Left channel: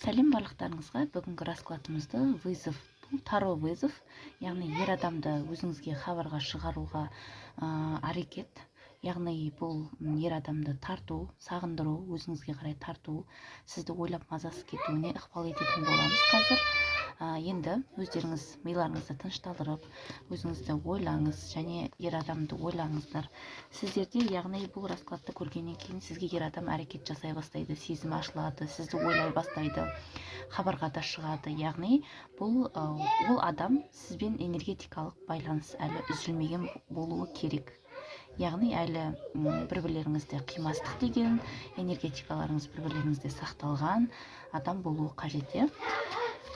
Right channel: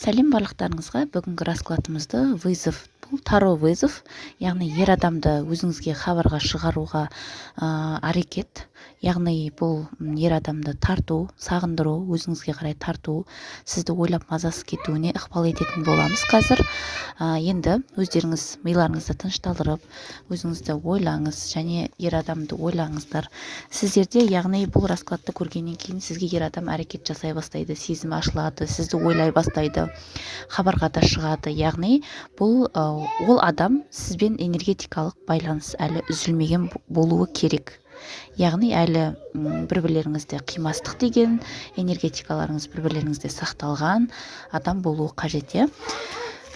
Сәлем барлықтарыңызға. Бүгінгі раскладымызды вызов. Бұл таро вызов, яғни ер адамды өзіңізге хабарға шығаруға әрекет. Яғни бұл ер адамды тарту, сағындыру, өзіңізге қарай тарту, сізді ойлап мазасыз кетуіне ықпал ететін боламыз қазір. Енді өздеріңіз миларыңызды тынышталдырып, өзіңізді ойлаңыз және ер адамды ойлаңыздар. Сіздерде, яғни бұл раскладты көргеннен кейін сізге ер адам әрекет жасай бастайды, сезім ашылады, сізді ойлай бастайды, хабарға да шығады. Яғни бұл ол адам сізбен энергетикалық байланыс әлі үзілмеген болуы керек. Яғни әлі бір-бірлеріңізде қимастық деген энергетикаларыңыз бір-бірлеріңізде сақталған адам болуы қажет.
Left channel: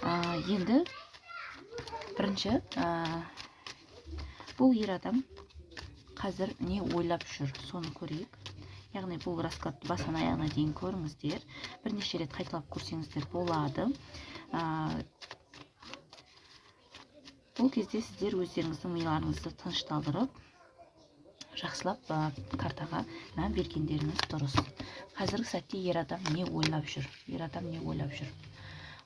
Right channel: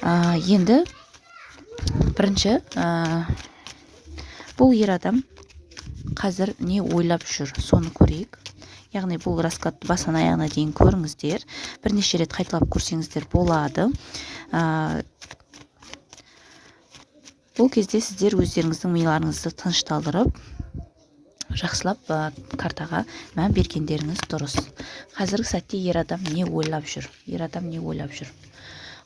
Енді бірінші бұл ер адам қазір не ойлап жүр, соны көрейік. Яғни бұл раскладты басынан аяғына дейін көріңіздер, бірнеше рет қайталап көрсеңіздер болады. Бұл кезде сіздер өздеріңіздің миларыңызды тынышталдырып, жақсылап картаға мән бергендеріңіз дұрыс. Қазіргі сәтте ер адам не ойлап жүр? Ер адам не ойлап жүр?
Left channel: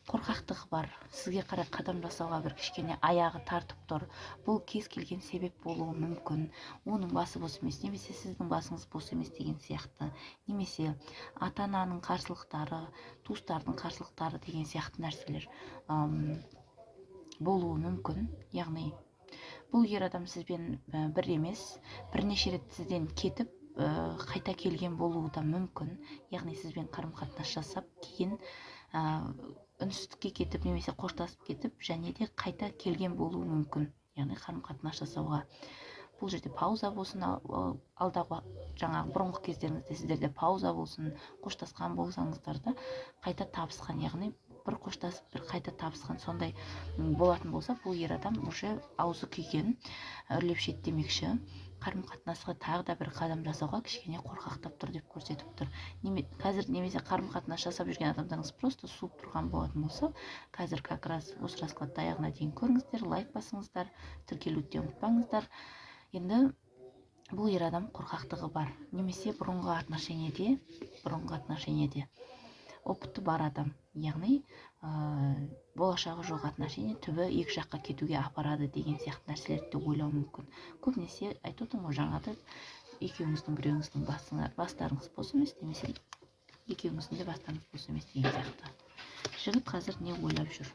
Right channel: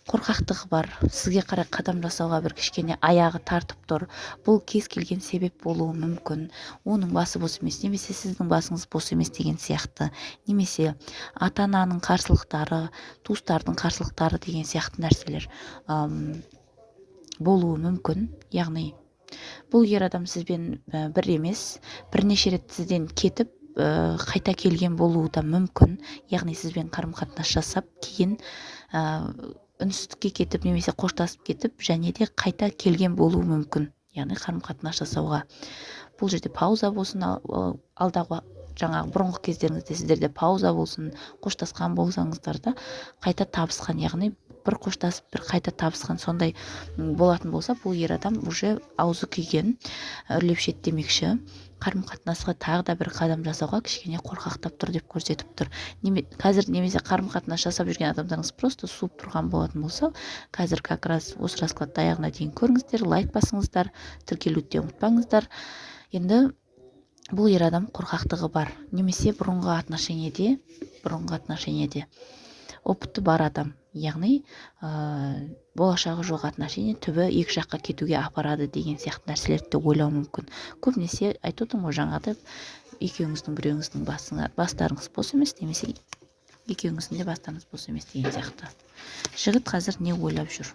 Қорқақтығы бар, сізге қарай қадам жасауға бір кішкене аяғы тартып тұр. Бұл кез келген себеп болуы мүмкін. Оның басы бос емес, немесе сіздің басыңыз бос емес деген сияқты. Немесе ата-ананың қарсылықтары, туыстардың қарсылықтары деген сияқты нәрселер болуы мүмкін. Яғни бұл ер адам сізбен бір емес, бірнеше рет сізден кетіп, қайта келген болуы да мүмкін. Яғни сізбен қарым-қатынас жасап, кейін үнсіздікке кетіп, немесе қоштасып кетіп, және де қайта келген болуы мүмкін. Яғни қарым-қатынас жасауға. Бұл жерде пауза болсын, алдағы жаңағы бұрынғы кездеріңізде сіздерде пауза болсын, қоштасқан болсаңыздар да қайта табысқан, яғни бір қоштасып, бір қайта табысқан, сондай болатын болса, бұл ер адам уже аузы күйген, үрлеп шеттемекші, қарым-қатынасқа тағы да бір қадам жасауға кішкене қорқақтап тұр деп көрсетіп тұр. Қазір немесе қарым-қатынас жасап жүрген адамдарыңыз просто суып тұрған болатын болса, қазір как раз осы раскладты аяғына дейін көріңіздер, лайк басыңыздар, тіркелуді ұмытпаңыздар. Енді бұл ер адам қорқақтығы бар, немесе бұрынғы отношениеде опыты бар адам, яғни болашағы жоқ отношение түбі екі жаққа кетуге апарады деген сияқты нәрселерді ойлау мүмкін. Көбінесе айтып отырмын ғой, жаңағыда екеуіңіздің біреуіңіздің бастарыңыз бос емес, немесе екеуіңіздің де бастарыңыз бос емес деген сияқты. Жігіт қазір не ойлап жүр?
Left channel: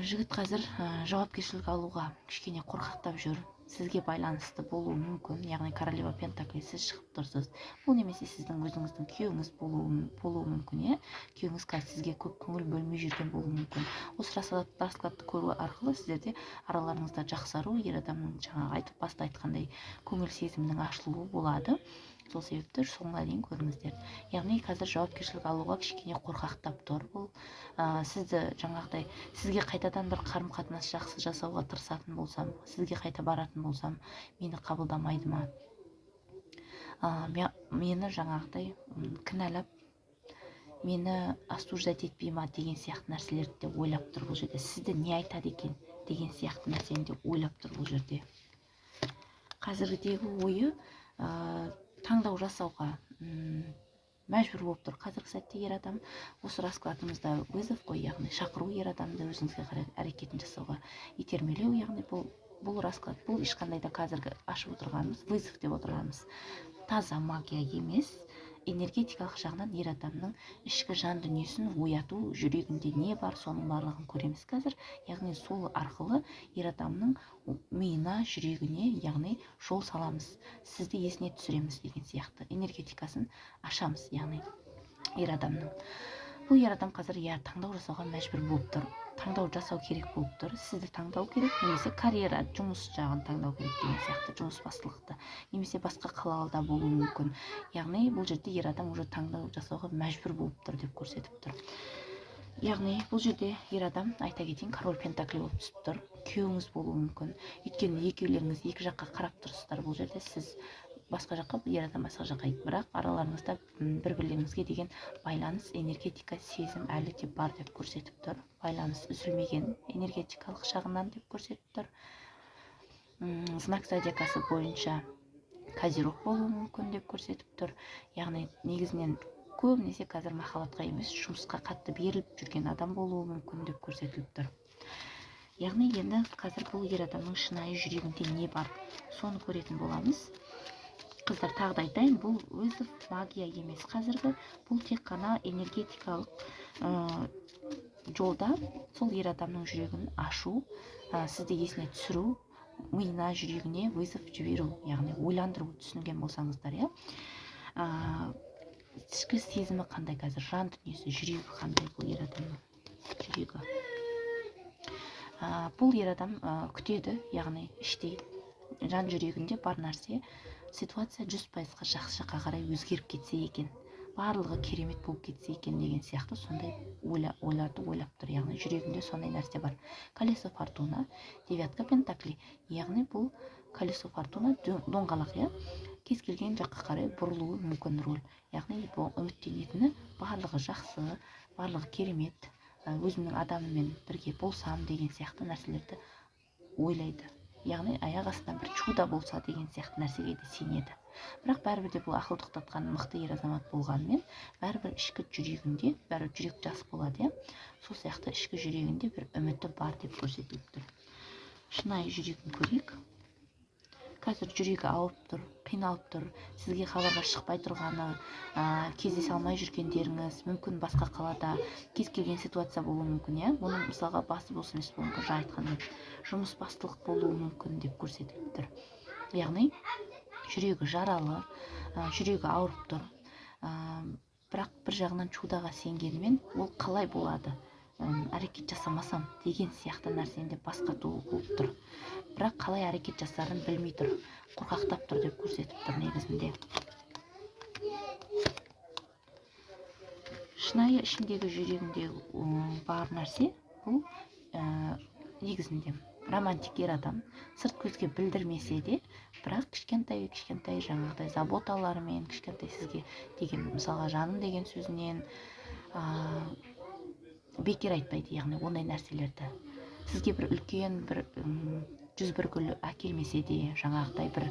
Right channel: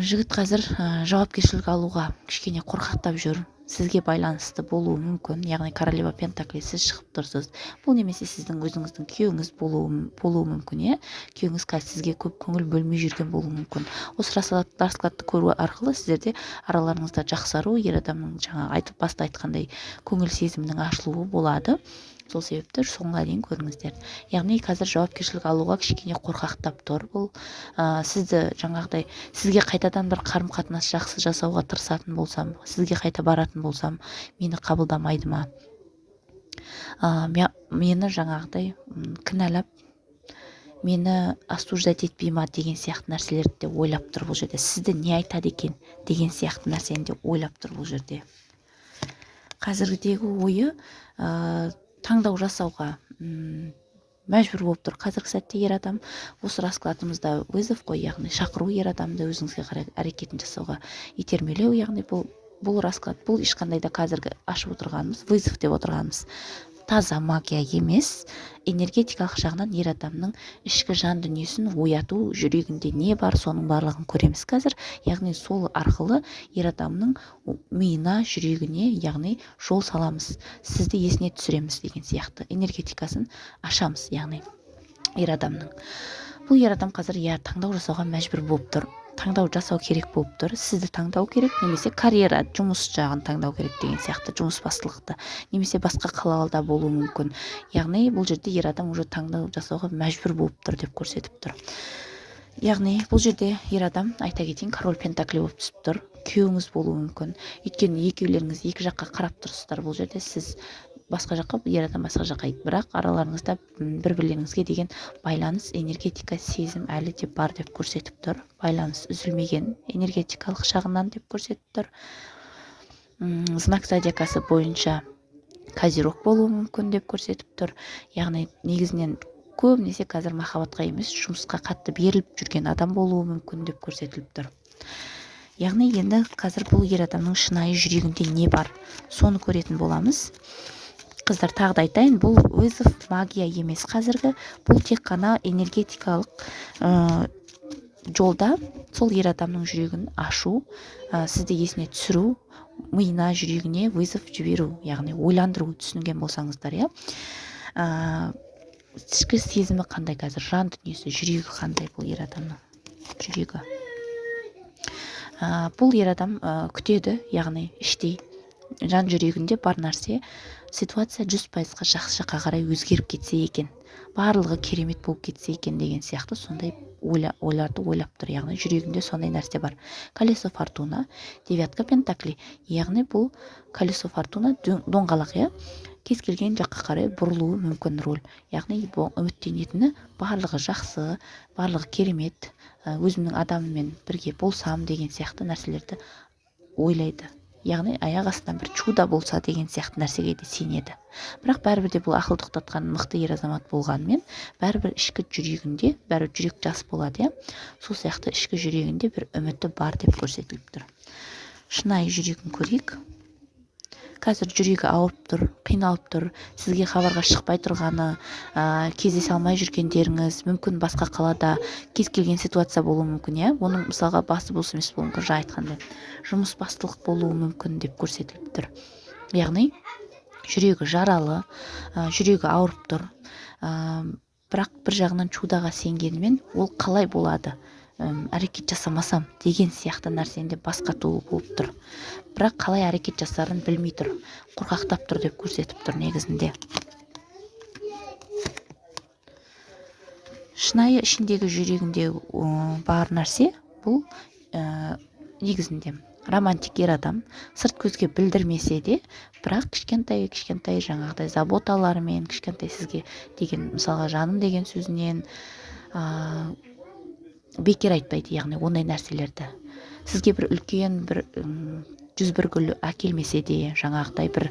Жігіт қазір жауапкершілік алуға кішкене қорқақтап жүр. Сізге байланысты болуы мүмкін, яғни королева пентакль, сіз шығып тұрсыз. Бұл немесе сіздің өзіңіздің күйеуіңіз болуы мүмкін, күйеуіңіз сізге көп көңіл бөлмей жүрген болуы мүмкін. Осы раскладты көру арқылы сіздерде араларыңызда жақсару, ер адамның жаңа баста айтқандай көңіл сезімнің ашылуы болады. Сол себепті соңға дейін көріңіздер. Яғни қазір жауапкершілік алуға кішкене қорқақтап тұр. Бұл сізді жаңағыдай, сізге қайтадан бір қарым-қатынас жақсы жасауға тырысатын болсам, сізге қайта баратын болсам, мені қабылдамайды ма? Мені жаңағыдай кінәлап, мені осуждать етпей ма деген сияқты нәрселерді де ойлап тұр бұл жерде. Сізді не айтады екен деген сияқты нәрсені де ойлап тұр бұл жерде. Қазіргідегі ойы таңдау жасауға мәжбүр болып тұр. Қазіргі сәтте ер адам, осы раскладымызда вызов қой, яғни шақыру ер адамды өзіңізге қарай әрекетін жасауға итермелеу, яғни бұл расклад, бұл ешқандай да қазіргі ашып отырғанымыз, вызов деп отырғанымыз таза магия емес, энергетикалық жағынан ер адамның ішкі жан дүниесін ояту, жүрегінде не бар, соның барлығын көреміз қазір. Яғни сол арқылы ер адамның миына, жүрегіне, яғни жол саламыз, сізді есіне түсіреміз деген сияқты энергетикасын ашамыз, яғни ер адамның. Бұл ер адам қазір таңдау жасауға мәжбүр болып тұр. Таңдау жасау керек болып тұр. Сізді таңдау керек, немесе карьера, жұмыс жағын таңдау керек деген сияқты, жұмыс бастылықты, немесе басқа қалаларда болуы мүмкін. Яғни бұл жерде ер адам уже таңдау жасауға мәжбүр болып тұр деп көрсетіп тұр. Яғни бұл жерде ер адам, айта кетейін, король пентакль болып түсіп тұр. Күйеуіңіз болуы мүмкін. Өйткені екеулеріңіз екі жаққа қарап тұрсыздар. Бұл жерде сіз басқа жаққа, ер адам басқа жаққа, бірақ араларыңызда бір-бірлеріңізге деген байланыс, энергетика, сезім әлі де бар деп көрсетіп тұр. Байланыс үзілмеген энергетикалық жағынан деп көрсетіп тұр. Знак зодиакасы бойынша Козерог болуы мүмкін деп көрсетіп тұр. Яғни негізінен көбінесе қазір махаббатқа емес жұмысқа қатты беріліп жүрген адам болуы мүмкін деп көрсетіліп тұр. Яғни енді қазір бұл ер адамның шынайы жүрегінде не бар, соны көретін боламыз. Қыздар, тағы да айтайын, бұл вызов магия емес қазіргі, бұл тек қана энергетикалық жолда сол ер адамның жүрегін ашу, сізді есіне түсіру, миына, жүрегіне вызов жіберу, яғни ойландыру, түсінген болсаңыздар, иә. Ішкі сезімі қандай қазір, жан дүниесі, жүрегі қандай бұл ер адамның жүрегі. Бұл ер адам күтеді, яғни іштей жан жүрегінде бар нәрсе, ситуация 100%-ға жақсы жаққа қарай өзгеріп кетсе екен, барлығы керемет болып кетсе екен деген сияқты сондай ойларды ойлап тұр. Яғни жүрегінде сондай нәрсе бар. Колесо фортуна, девятка пентакли, яғни бұл колесо фортуна доңғалақ, иә, кез келген жаққа қарай бұрылуы мүмкін рөл. Яғни бұл үміттенетіні барлығы жақсы, барлығы керемет, өзімнің адамыммен бірге болсам деген сияқты нәрселерді ойлайды. Яғни аяқ астынан бір чудо болса деген сияқты нәрсеге де сенеді. Бірақ бәрібір де бұл ақыл тоқтатқан мықты ер азамат болғанымен, бәрібір ішкі жүрегінде, бәрібір жүрек жас болады, иә. Сол сияқты ішкі жүрегінде бір үміті бар деп көрсетіліп тұр. Шынайы жүрегін көрейік. Қазір жүрегі ауырып тұр, қиналып тұр, сізге хабарға шықпай тұрғаны, кездесе алмай жүргендеріңіз, мүмкін басқа қалада кез келген ситуация болуы мүмкін, иә. Оның мысалға басы болсын, емес болуы мүмкін, жаңа айтқандай жұмыс бастылық болуы мүмкін деп көрсетіліп тұр. Яғни жүрегі жаралы, жүрегі ауырып тұр, бірақ бір жағынан чудаға сенгенімен ол қалай болады, әрекет жасамасам деген сияқты нәрсенде басқатуы болып тұр. Бірақ қалай әрекет жасарын білмей тұр, қорқақтап тұр деп көрсетіп тұр негізінде. Шынайы ішіндегі жүрегінде бар нәрсе бұл негізінде романтик ер адам, сырт көзге білдірмесе де, бірақ кішкентай жаңағыдай заботаларымен, кішкентай сізге деген, мысалға жаным деген сөзінен бекер айтпайды, яғни ондай нәрселерді. Сізге бір үлкен бір 101 гүл әкелмесе де, жаңағыдай бір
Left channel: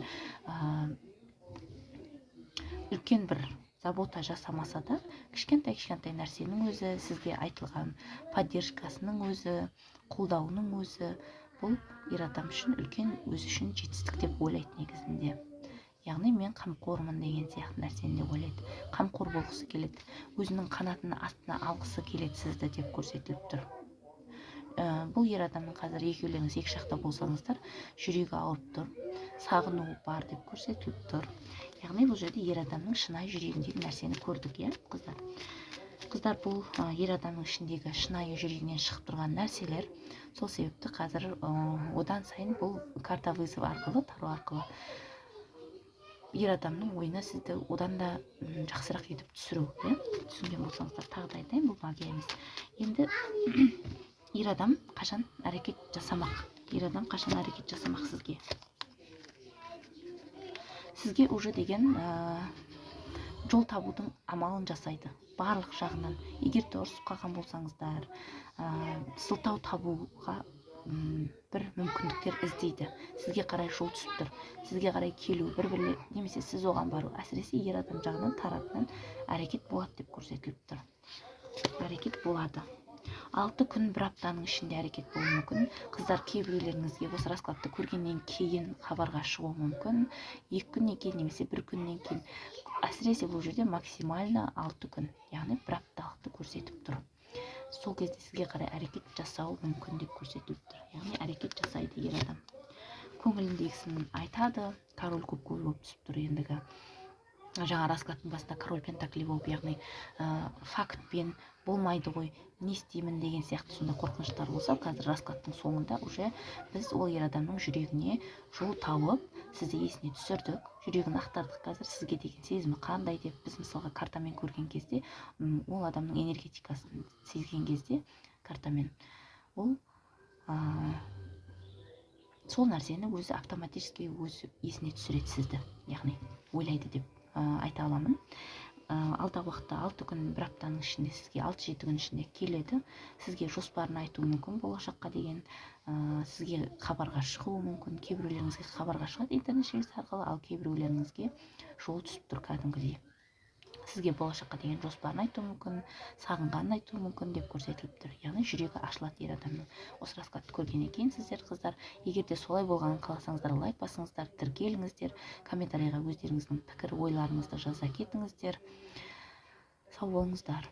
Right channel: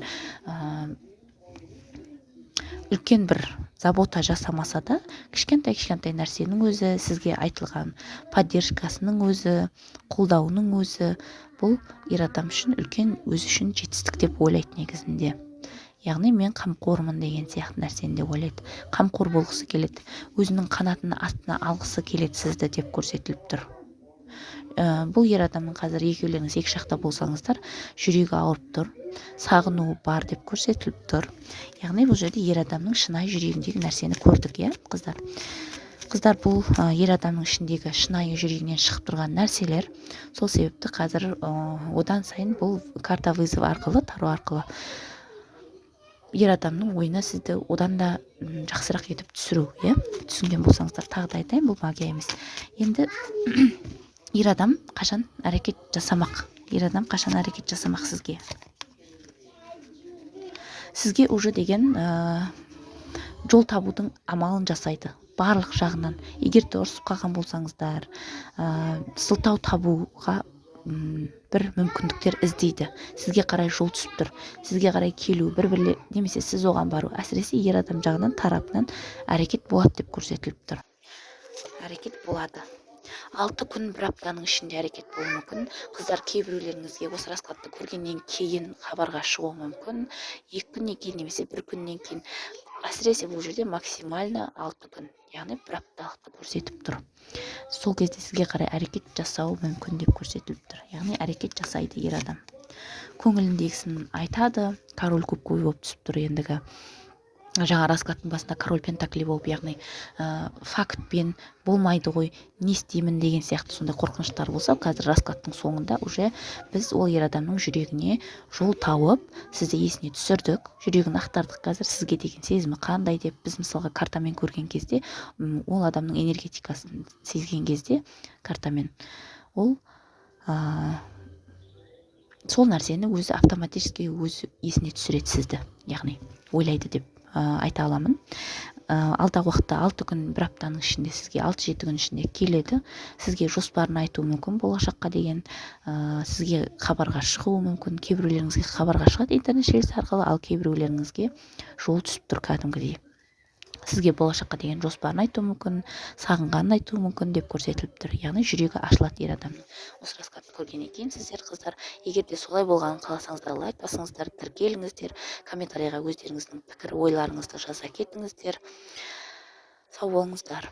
үлкен бір забота жасамаса да, кішкентай нәрсенің өзі, сізге айтылған поддержкасының өзі, қолдауының өзі, бұл ер адам үшін үлкен, өзі үшін жетістік деп ойлайды негізінде. Яғни мен қамқормын деген сияқты нәрсені де ойлайды. Қамқор болғысы келеді, өзінің қанатының астына алғысы келеді сізді деп көрсетіліп тұр. Бұл ер адамның қазір екеулеріңіз екі жақта болсаңыздар, жүрегі ауырып тұр, сағынуы бар деп көрсетіліп тұр. Яғни бұл жерде ер адамның шынайы жүрегіндегі нәрсені көрдік, иә, қыздар. Қыздар, бұл ер адамның ішіндегі шынайы жүрегінен шығып тұрған нәрселер. Сол себепті қазір одан сайын бұл карта вызов арқылы, таро арқылы ер адамның ойына сізді одан да жақсырақ етіп түсіру, иә. Түсінген болсаңыздар, тағы да айтайын, бұл магия емес. Енді ер адам қашан әрекет жасамақ? Ер адам қашан әрекет жасамақ сізге? Сізге уже деген жол табудың амалын жасайды, барлық жағынан. Егер де ұрысып қалған болсаңыздар, сылтау табуға бір мүмкіндіктер іздейді. Сізге қарай жол түсіп тұр, сізге қарай келу, бір-бірле, немесе сіз оған бару. Әсіресе ер адам жағынан тарапынан әрекет болады деп көрсетіліп тұр. Әрекет болады. 6 күн, бір аптаның ішінде әрекет болуы мүмкін. Қыздар, кейбіреулеріңізге осы раскладты көргеннен кейін хабарға шығуы мүмкін. 2 күннен кейін немесе 1 күннен кейін. Әсіресе бұл жерде максимально 6 күн, яғни бір апталықты көрсетіп тұр. Сол кезде сізге қарай әрекет жасау мүмкін деп көрсетіліп тұр. Яғни әрекет жасайды ер адам. Көңіліндегісін айтады, король көк болып түсіп тұр ендігі. Жаңа раскладтың басында король пентакли болып, яғни фактпен болмайды ғой, не істеймін деген сияқты сондай қорқыныштар болса, қазір раскладтың соңында уже біз ол ер адамның жүрегіне жол тауып, сізді есіне түсірдік, жүрегін ақтардық. Қазір сізге деген сезімі қандай деп біз мысалға картамен көрген кезде, ол адамның энергетикасын сезген кезде картамен, ол сол нәрсені өзі автоматически өзі есіне түсіреді сізді, яғни ойлайды деп айта аламын. Алдағы уақытта 6 күн, бір аптаның ішінде сізге 6-7 күн ішінде келеді. Сізге жоспарын айтуы мүмкін болашаққа деген, сізге хабарға шығуы мүмкін. Кейбіреулеріңізге хабарға шығады интернет желісі арқылы, ал кейбіреулеріңізге жол түсіп тұр кәдімгідей. сізге болашаққа деген жоспарын айтуы мүмкін, сағынғанын айтуы мүмкін деп көрсетіліп тұр. Яғни жүрегі ашылады ер адамның. Осы раскладты көргеннен кейін сіздер қыздар, егер де солай болғанын қаласаңыздар, лайк басыңыздар, тіркеліңіздер, комментарийға өздеріңіздің пікір ойларыңызды жаза кетіңіздер. Сау болыңыздар.